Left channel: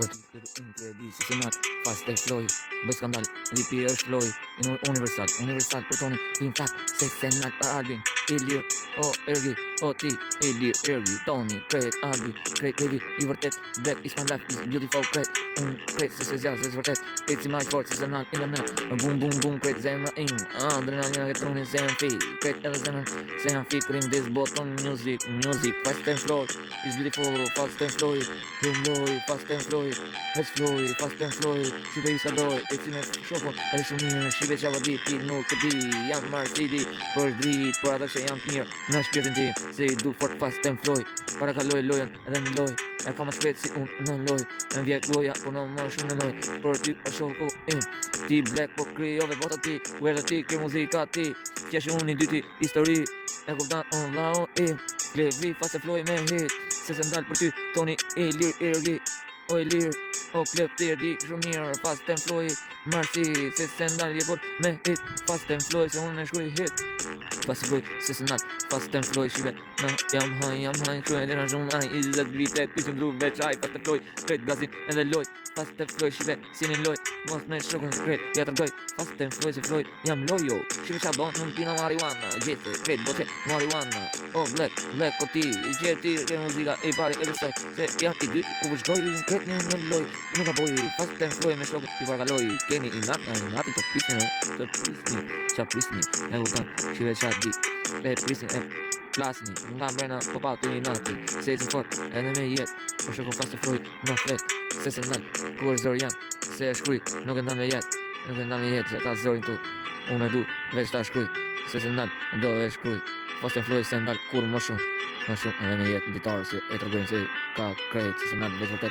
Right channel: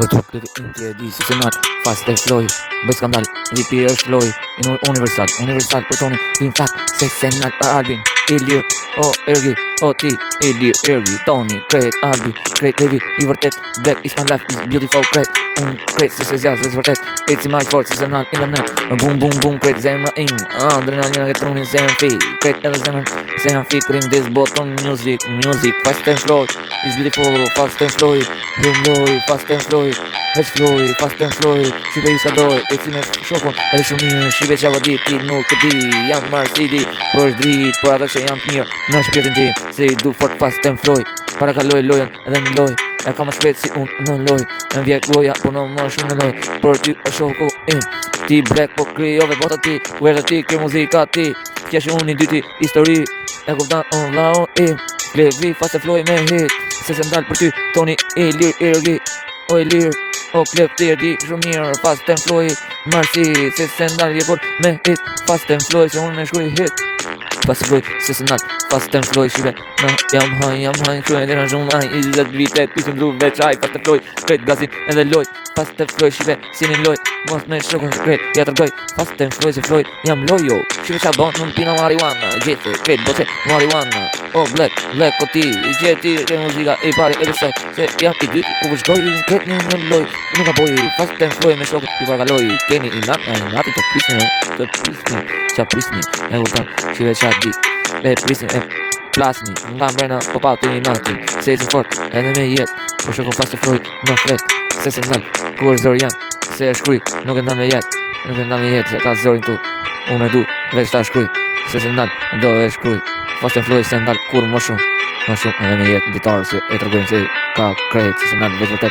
Po tu këtë inti e di si se nat fast e floj bëj skandal VP është loj universal po toni in fact se se nat pa albin Ilir o ergi o ti Ilir ergi toni kret albi kret levi I vërtet black is my life is beautiful kret kret se zjas është vërtet it's my fault se nat in the net boom kret zemra in adrenalina që trunin zemra fi kret edhe zemra fi krim this bottom music fast and flow is beautiful fast and flow fast and flow fast and flow si dhe I sa doj e si me shokon edhe shumë mirë shive që ava dit ti nuk e di jam marrë si di për është drit për ata që jam të mirë në shpjetin ti se I du fort fast and flow para ka loj lojen edhe në loj e ka më shpet si unë në loj në vjek loja po në më shumë në loj për ty e shoko ti black po kryove bota ti kuerta ti kry muzika ti kjesh unë I dyti histori e kuptan on lao Levi fast and flow me hit se se ndalë për ty toni Ilir ergi o Ilir o klep të erdi shumë mirë fast and flow marsi se se ndalë jepor me hit fast and flow se unë e shkruj hit fast and flow se se ndalë fast and flow shive na jam haj kruaj dhe në shumë haj I 20 vite pisim dru veçaj fast and flow krejt gazin edhe loj fast and flow shive si një loj mos me shokën krejt ja tërgoj fast and flow se flow jam loj jo shive qa bon nuk pina marijuana gjithë krejt bote marijuana o black o ti I gjeti e muzika e pare e besaj se jam I dy u vëshkoj kret një loj nuk ka boj fast and flow me shokët I parkaloj keni I nati të prisni qa prisni e vërtan shive qa di e prisni e plasni nga mbrena po pa të një nati se I fort edhe me jet po shokën fast and flow në flet se se nal ku është zori jam se e shkruj nuk e nda me jet se ka zorin tu unë e du veç ta shkruj se se nal do e shkruj fast and flow se ndal kur më shumë edhe me jet ditarë se e tërgojnë se ka krejt se se nal veç vërtet